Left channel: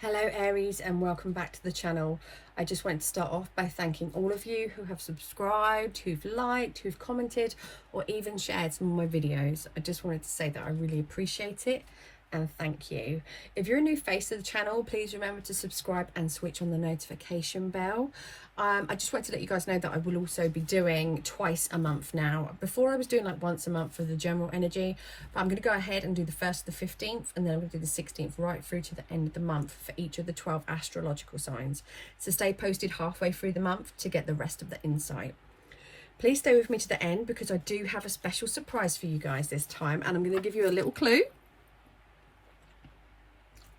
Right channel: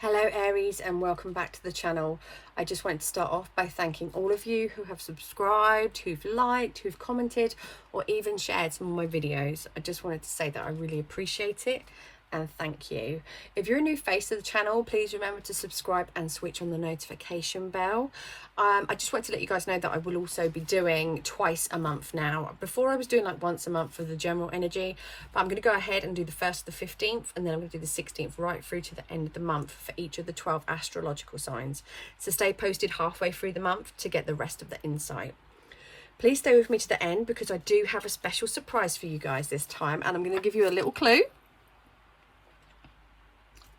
Hello Aries, and welcome back to the channel. I just wanted to start off by thanking all of you who have subscribed, who've liked, who've commented, or even shared some of my videos. I just wanted to say that I really appreciate it and thank you. If you're a new face to the channel, please remember to subscribe and switch on the notification bell. I just wanted to let you guys know that I will also be doing twice a month now. Before I was doing like once a month for the general energy, but I'm going to go ahead and do the 1st to the 15th, and then I'm going to do the 16th right through to the end of the month for each of the 12 astrological signs. So stay posted halfway through the month to get the rest of the insight. Please stay with me to the end because I do have a special surprise for you guys this time, and I'm going to give you a little clue.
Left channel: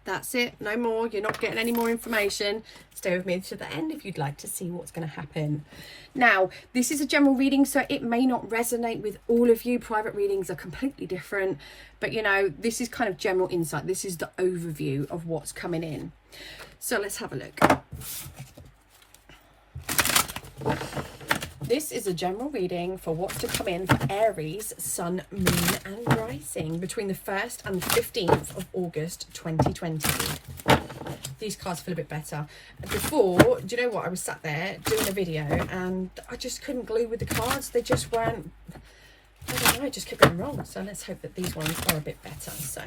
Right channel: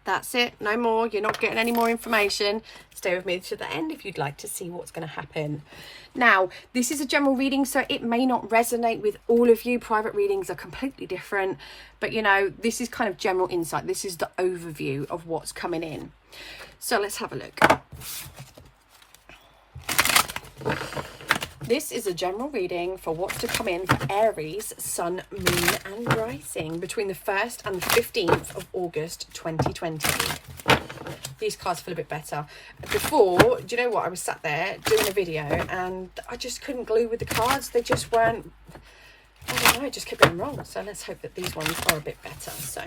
That's it, no more. You're not getting any more information. Stay with me to the end if you'd like to see what's going to happen. Now, this is a general reading, so it may not resonate with all of you. Private readings are completely different, but you know, this is kind of general insight. This is the overview of what's coming in. So let's have a look. This is a general reading for what's to come in for Aries, Sun, Moon and Rising between the 1st and the 15th of August 2020. These cards feel a bit better. Before, do you know what? I was sat there doing a video and I just couldn't glue with the cards. They just weren't, I don't know, it just kept going wrong. So let's hope that these ones are a bit better. So,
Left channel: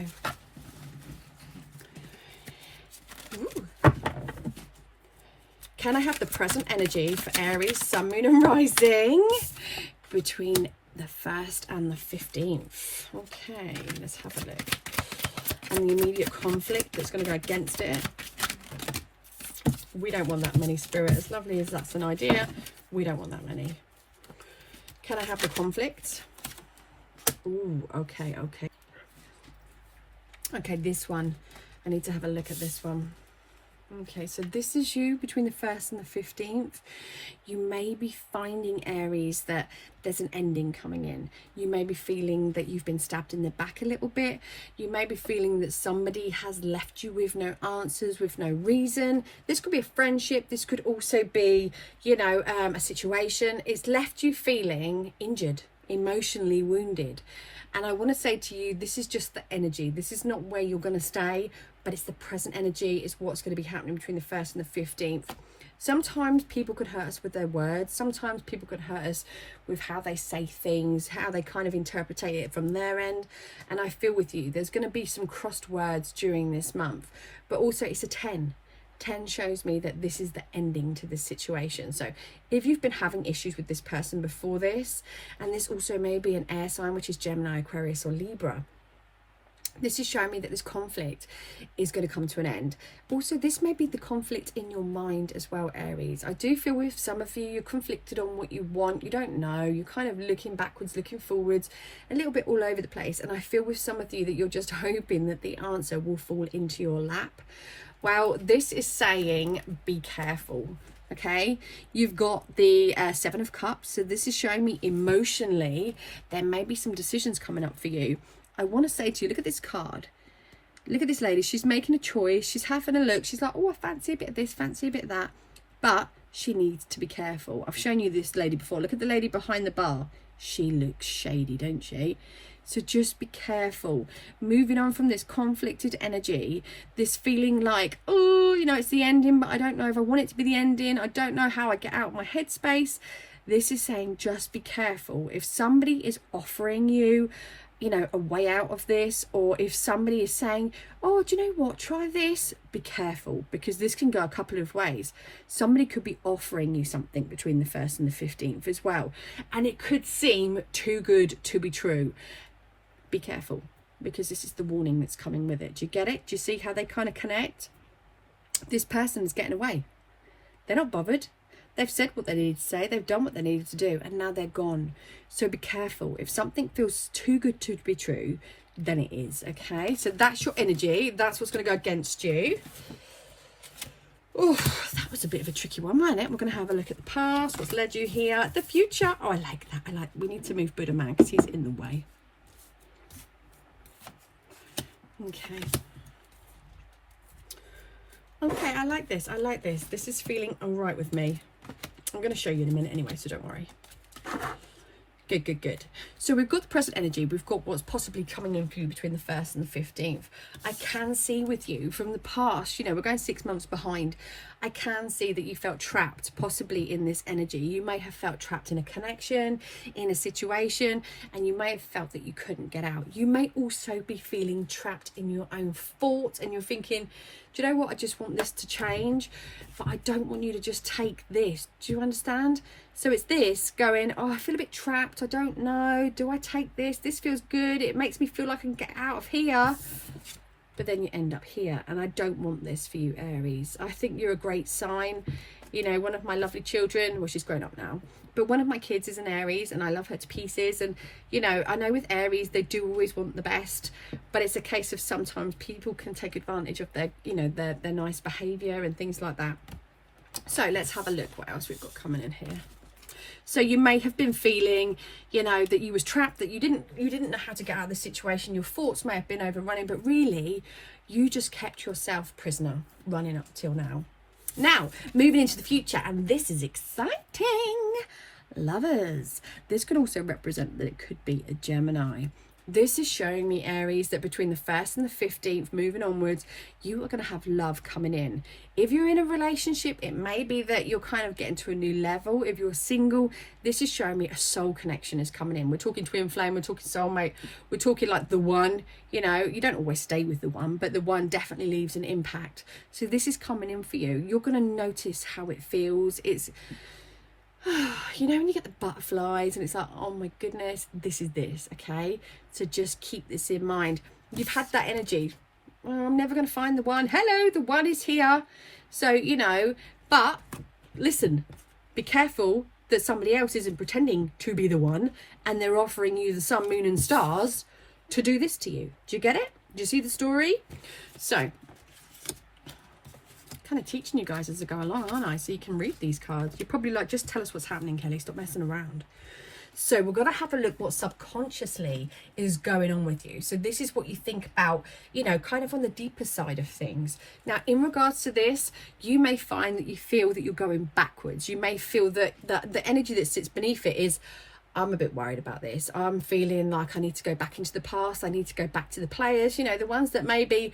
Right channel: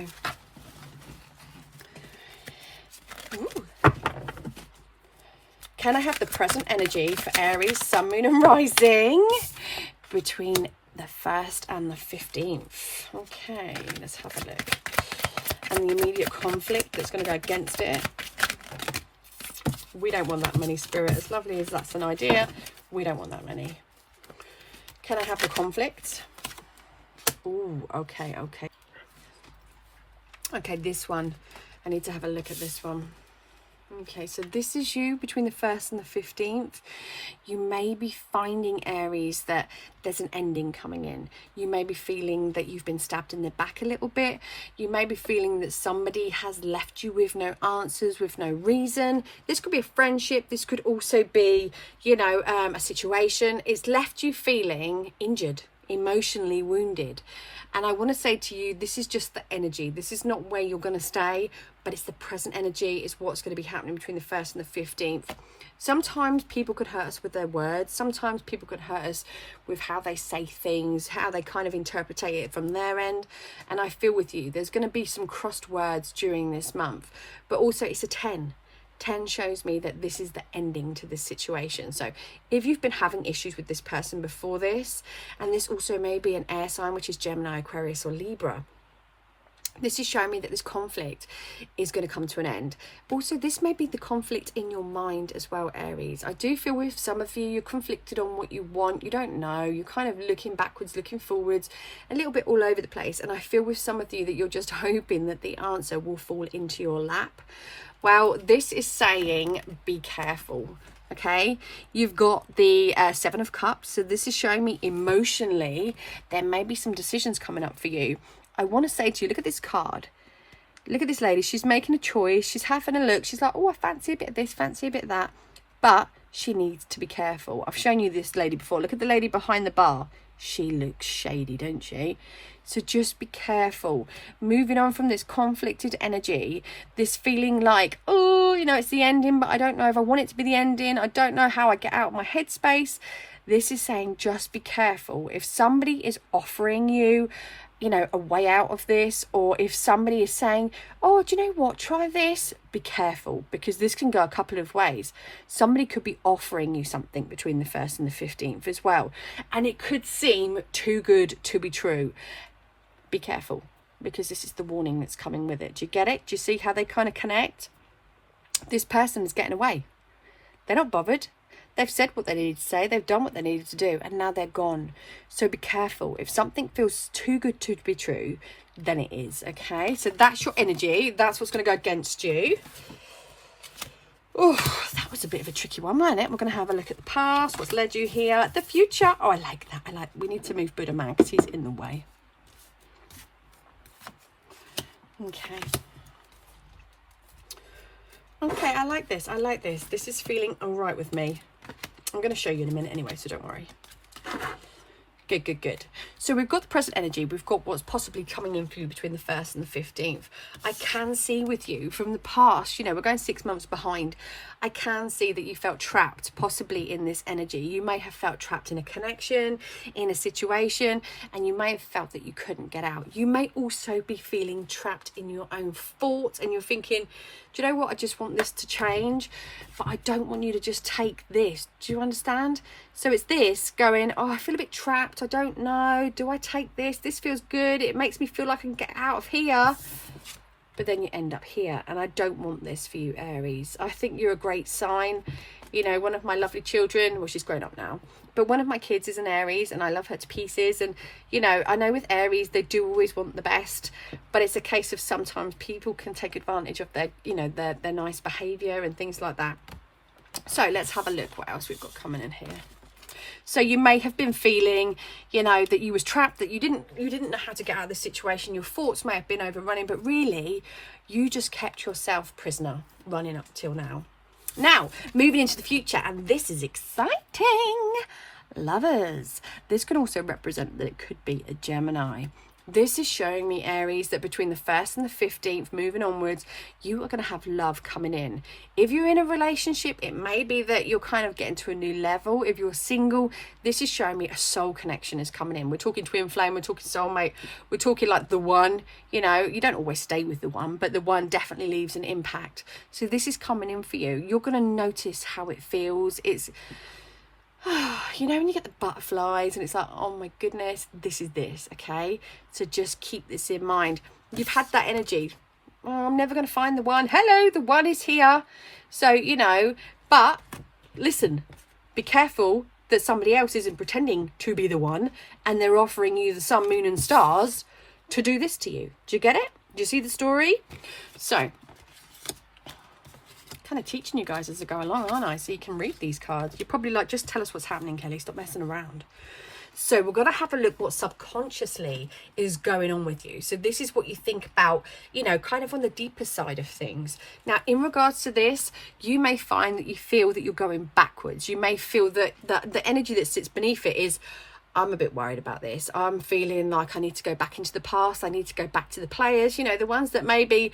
can I have the present energy for Aries, Sun, Moon and Rising between the 1st and the 15th? Okay, let's have a look. And the immediate conflict that's going to go against it. We don't want that many, Spirit. As lovely as that's an idea, we don't want that many. Can I have the conflict? Ooh, okay. Okay, this one. I need to have a look at this one. Okay, so this is you between the 1st and the 15th. You may be finding, Aries, that there's an ending coming in. You may be feeling that you've been stabbed in the back a little bit. You may be feeling that somebody has left you with no answers, with no reason. This could be a friendship. This could also be, you know, a situation. It's left you feeling injured, emotionally wounded. And I want to say to you, this is just the energy. This is not where you're going to stay, but it's the present energy. It's what's going to be happening between the 1st and the 15th. Sometimes people could hurt us with their words. Sometimes people could hurt us with how they say things, how they kind of interpret it from their end. And I feel with you, there's going to be some crossed words during this month. But also it's a 10. 10 shows me that this is the ending to this situation. So if you've been having issues with this person before this, and this also may be an air sign, which is Gemini, Aquarius or Libra, this is showing me that this conflict is going to come to an end. But also this may be the conflict in your mind as well, Aries. I do feel with some of you, you're conflicted on what you want. You don't know. You're kind of looking backwards, looking forwards, a little bit all over the place. And I feel with some of you that you're just hoping that the answer will fall into your lap. Well, this is saying be careful, okay? You've got the 7 of Cups. So this is showing me emotionally there may be some decisions coming up for you. I want to say to you, look at this card. Look at this lady. She's making a choice. She's having a look. She's like, oh, I fancy a bit of this, fancy a bit of that. But she needs to be careful. I've shown you this lady before. Look at the lady behind the bar. She looks shady, don't she? So just be careful. Moving on from this conflicted energy, this feeling like, oh, you know, it's the ending, but I don't know if I want it to be the ending. I don't know how I get out of my headspace. This is saying just be careful. If somebody is offering you, you know, a way out of this, or if somebody is saying, oh, do you know what, try this, be careful, because this can go a couple of ways. Somebody could be offering you something between the 1st and the 15th as well, and it could seem too good to be true. Be careful, because this is the warning that's coming with it. Do you get it? Do you see how they kind of connect? This person is getting away. They're not bothered. They've said what they needed to say. They've done what they needed to do, and now they're gone. So be careful. If something feels too good to be true, then it is, okay? So that's your energy. That's what's going to go against you. Oh, that was a bit of a tricky one, wasn't it? We're going to have a look at the past, what's led you here, the future. Oh, I like that. We need to move Buddha man because he's in the way. Okay. Okay, I like this. This is feeling all right with me. I'm going to show you in a minute anyway, so don't worry. Good, good, good. So we've got the present energy. We've got what's possibly coming in for you between the 1st and the 15th. I can see with you from the past, you know, we're going 6 months behind. I can see that you felt trapped possibly in this energy. You may have felt trapped in a connection, in a situation, and you may have felt that you couldn't get out. You may also be feeling trapped in your own thoughts, and you're thinking, do you know what? I just want this to change, but I don't want you to just take this. Do you understand? So it's this going, oh, I feel a bit trapped. I don't know. Do I take this? This feels good. It makes me feel like I can get out of here. But then you end up here. And I don't want this for you, Aries. I think you're a great sign. You know, one of my lovely children, well, she's grown up now, but one of my kids is an Aries, and I love her to pieces. And, you know, I know with Aries, they do always want the best, but it's a case of sometimes people can take advantage of their, you know, their nice behavior and things like that. So let's have a look what else we've got coming in here. So you may have been feeling, you know, that you was trapped, that you didn't know how to get out of the situation. Your thoughts may have been overrunning, but really you just kept yourself prisoner running up till now. Now, moving into the future, and this is exciting. Lovers. This can also represent that it could be a Gemini. This is showing me, Aries, that between the 1st and the 15th, moving onwards, you are going to have love coming in. If you're in a relationship, it may be that you're kind of getting to a new level. If you're single, this is showing me a soul connection is coming in. We're talking twin flame, we're talking soulmate, we're talking like the one. You know, you don't always stay with the one, but the one definitely leaves an impact. So this is coming in for you. You're going to notice how it feels. It's, you know, when you get the butterflies and it's like, oh my goodness, this is this, okay? So just keep this in mind. You've had that energy. Oh, I'm never going to find the one. Hello, the one is here. So, you know, but listen, be careful that somebody else isn't pretending to be the one and they're offering you the sun, moon and stars to do this to you. Do you get it? Do you see the story? So, kind of teaching you guys as I go along, aren't I? So you can read these cards. You're probably like, just tell us what's happening, Kelly. Stop messing around. So we're going to have a look what subconsciously is going on with you. So this is what you think about, you know, kind of on the deeper side of things. Now, in regards to this, you may find that you feel that you're going backwards. You may feel that the energy that sits beneath it is, I'm a bit worried about this. I'm feeling like I need to go back into the past. I need to go back to the players, you know, the ones that maybe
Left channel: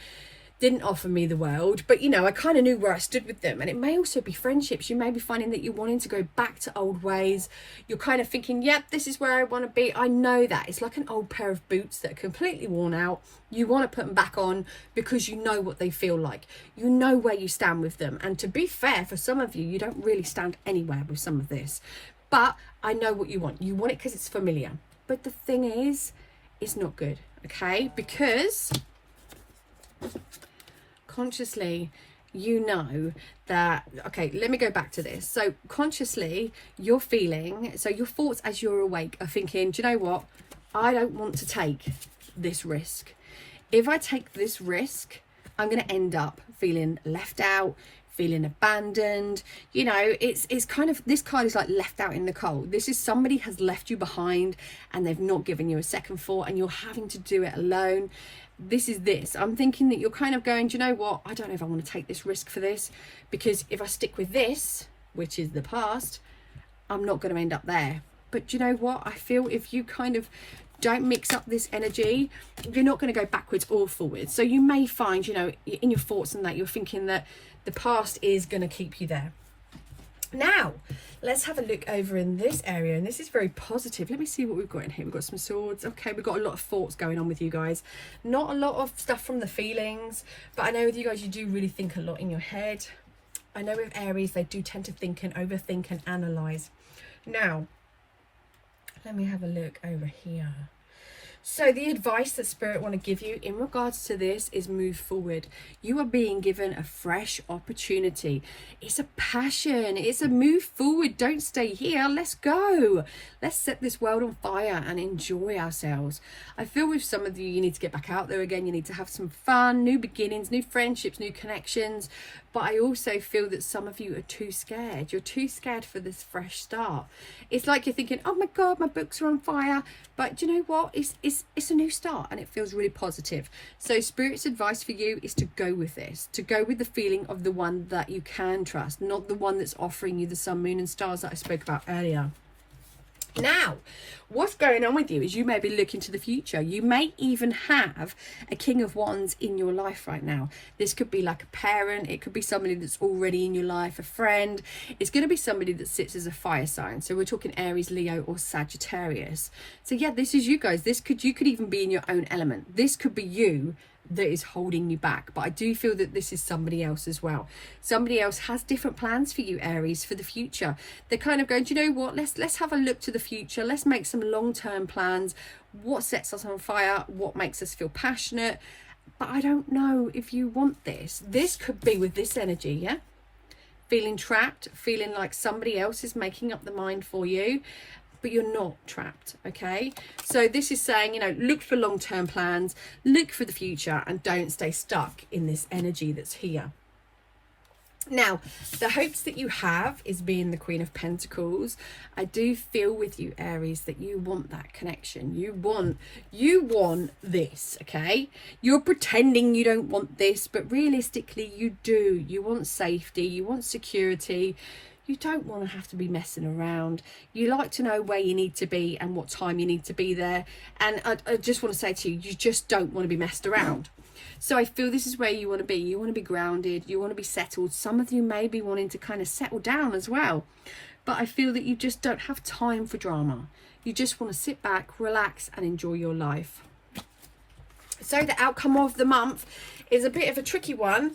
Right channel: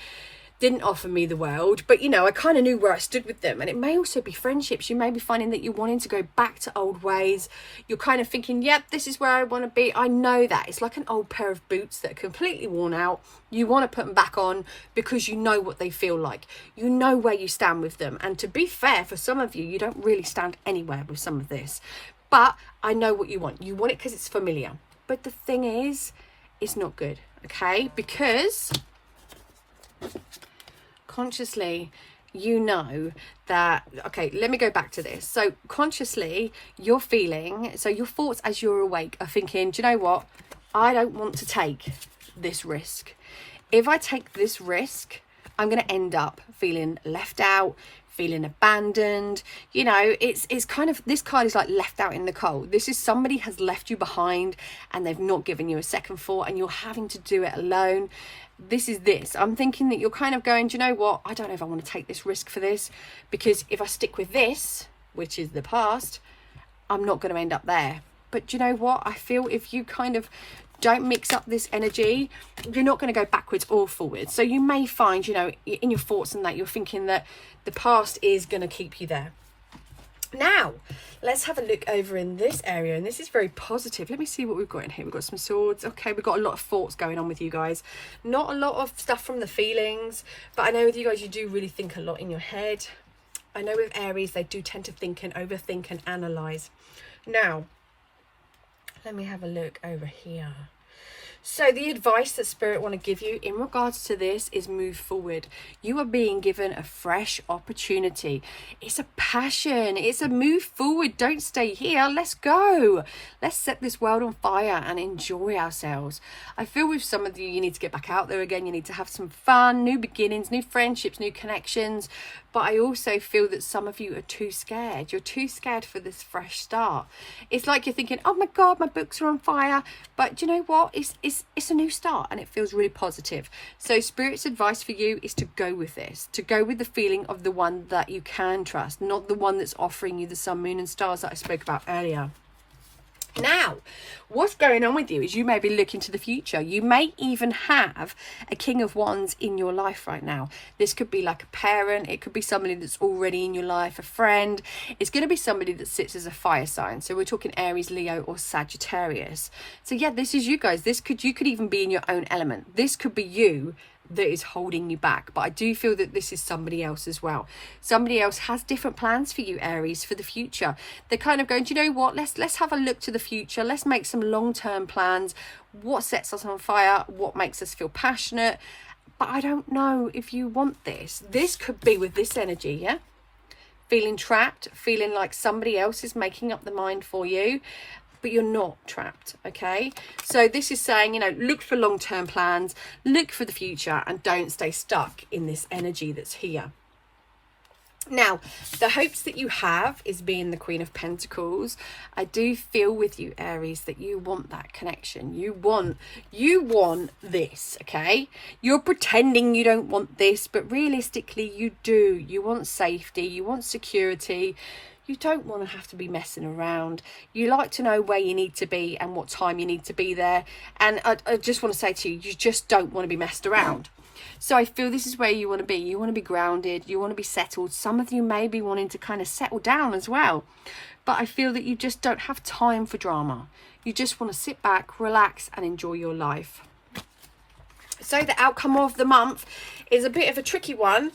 didn't offer me the world, but you know, I kind of knew where I stood with them. And it may also be friendships. You may be finding that you're wanting to go back to old ways. You're kind of thinking, yep, this is where I want to be. I know that it's like an old pair of boots that are completely worn out. You want to put them back on because you know what they feel like. You know where you stand with them. And to be fair, for some of you, you don't really stand anywhere with some of this, but I know what you want. You want it because it's familiar. But the thing is, it's not good, okay? Because consciously, you know that, okay, let me go back to this. So consciously, you're feeling, so your thoughts as you're awake are thinking, do you know what? I don't want to take this risk. If I take this risk, I'm going to end up feeling left out, feeling abandoned. You know, it's kind of, this card is like left out in the cold. This is somebody has left you behind and they've not given you a second thought and you're having to do it alone. This is this. I'm thinking that you're kind of going, do you know what? I don't know if I want to take this risk for this, because if I stick with this, which is the past, I'm not going to end up there. But do you know what? I feel if you kind of don't mix up this energy, you're not going to go backwards or forwards. So you may find, you know, in your thoughts and that you're thinking that the past is going to keep you there. Now, let's have a look over in this area, and this is very positive. Let me see what we've got in here. We've got some swords. Okay, we've got a lot of thoughts going on with you guys. Not a lot of stuff from the feelings, but I know with you guys, you do really think a lot in your head. I know with Aries, they do tend to think and overthink and analyze. Now, let me have a look over here. So the advice that Spirit want to give you in regards to this is move forward. You are being given a fresh opportunity. It's a passion. It's a move forward. Don't stay here. Let's go. Let's set this world on fire and enjoy ourselves. I feel with some of you, you need to get back out there again. You need to have some fun, new beginnings, new friendships, new connections. But I also feel that some of you are too scared. You're too scared for this fresh start. It's like you're thinking, oh my God, my books are on fire. But do you know what? It's a new start and it feels really positive. So Spirit's advice for you is to go with this, to go with the feeling of the one that you can trust, not the one that's offering you the sun, moon and stars that I spoke about earlier. Now, what's going on with you is you may be looking to the future. You may even have a King of Wands in your life right now. This could be like a parent. It could be somebody that's already in your life, a friend. It's going to be somebody that sits as a fire sign. So we're talking Aries, Leo, or Sagittarius. So yeah, this is you guys. You could even be in your own element. This could be you that is holding you back, but I do feel that this is somebody else as well. Somebody else has different plans for you, Aries, for the future. They're kind of going, do you know what, let's have a look to the future. Let's make some long-term plans. What sets us on fire? What makes us feel passionate? But I don't know if you want this could be with this energy, yeah, feeling trapped, feeling like somebody else is making up the mind for you, but you're not trapped. Okay, so this is saying, you know, look for long-term plans, look for the future, and don't stay stuck in this energy that's here. Now, the hopes that you have is being the Queen of Pentacles. I do feel with you, Aries, that you want that connection. You want this, okay? You're pretending you don't want this, but realistically you do. You want safety, you want security. You don't want to have to be messing around. You like to know where you need to be and what time you need to be there. And I just want to say to you, you just don't want to be messed around. So I feel this is where you want to be. You want to be grounded. You want to be settled. Some of you may be wanting to kind of settle down as well. But I feel that you just don't have time for drama. You just want to sit back, relax, and enjoy your life. So the outcome of the month is a bit of a tricky one.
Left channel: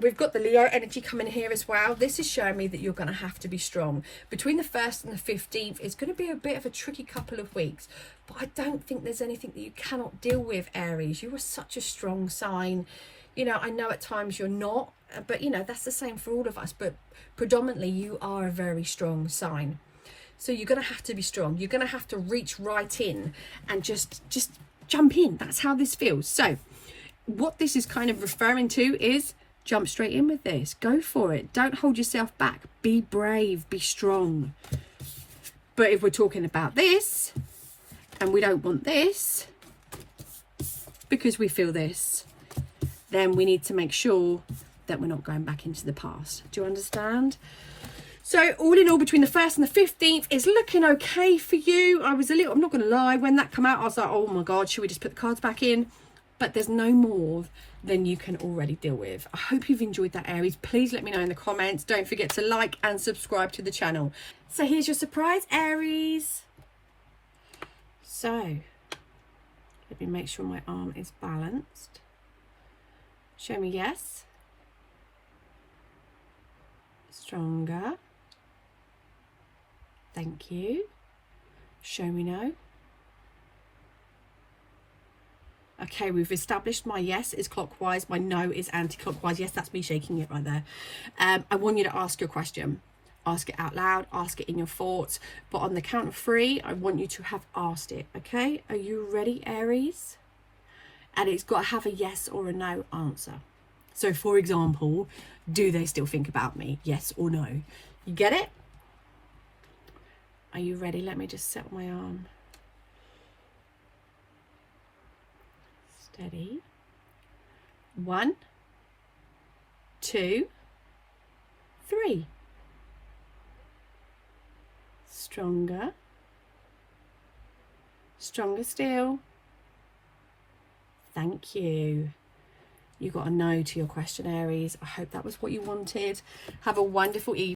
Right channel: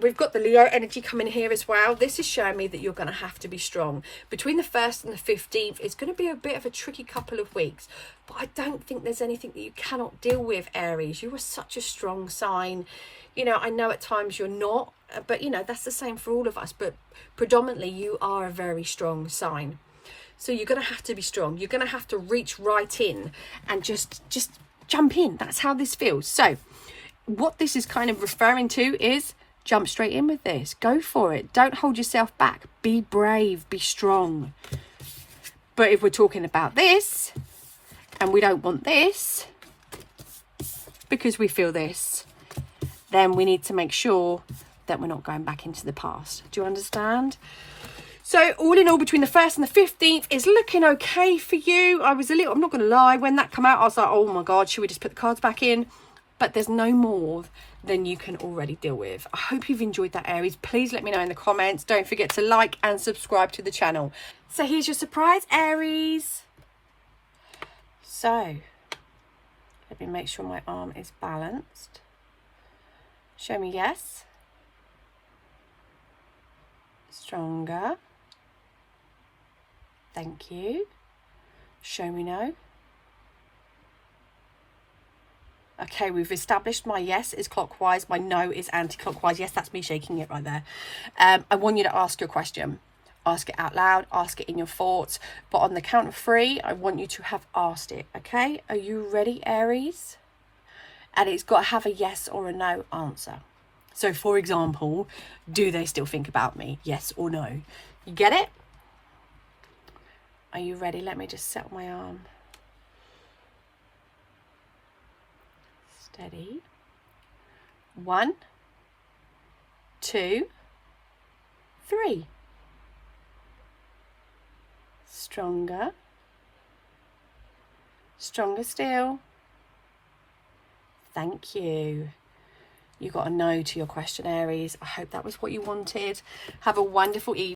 We've got the Leo energy coming here as well. This is showing me that you're going to have to be strong. Between the 1st and the 15th, it's going to be a bit of a tricky couple of weeks. But I don't think there's anything that you cannot deal with, Aries. You are such a strong sign. You know, I know at times you're not, but you know, that's the same for all of us. But predominantly, you are a very strong sign. So you're going to have to be strong. You're going to have to reach right in and just jump in. That's how this feels. So what this is kind of referring to is jump straight in with this. Go for it. Don't hold yourself back. Be brave. Be strong. But if we're talking about this and we don't want this because we feel this, then we need to make sure that we're not going back into the past. Do you understand? So all in all, between the 1st and the 15th is looking okay for you. I'm not going to lie, when that came out, I was like, oh my God, should we just put the cards back in? But there's no more than you can already deal with. I hope you've enjoyed that, Aries. Please let me know in the comments. Don't forget to like and subscribe to the channel. So here's your surprise, Aries. So let me make sure my arm is balanced. Show me yes. Stronger. Thank you. Show me no. Okay, we've established my yes is clockwise, my no is anti-clockwise. Yes, that's me shaking it right there. I want you to ask your question. Ask it out loud, ask it in your thoughts. But on the count of 3, I want you to have asked it, okay? Are you ready, Aries? And it's got to have a yes or a no answer. So, for example, do they still think about me? Yes or no? You get it? Are you ready? Let me just set my arm. Steady. 1, 2, 3. Stronger. Stronger still. Thank you. You got a no to your question, Aries. I hope that was what you wanted. Have a wonderful evening.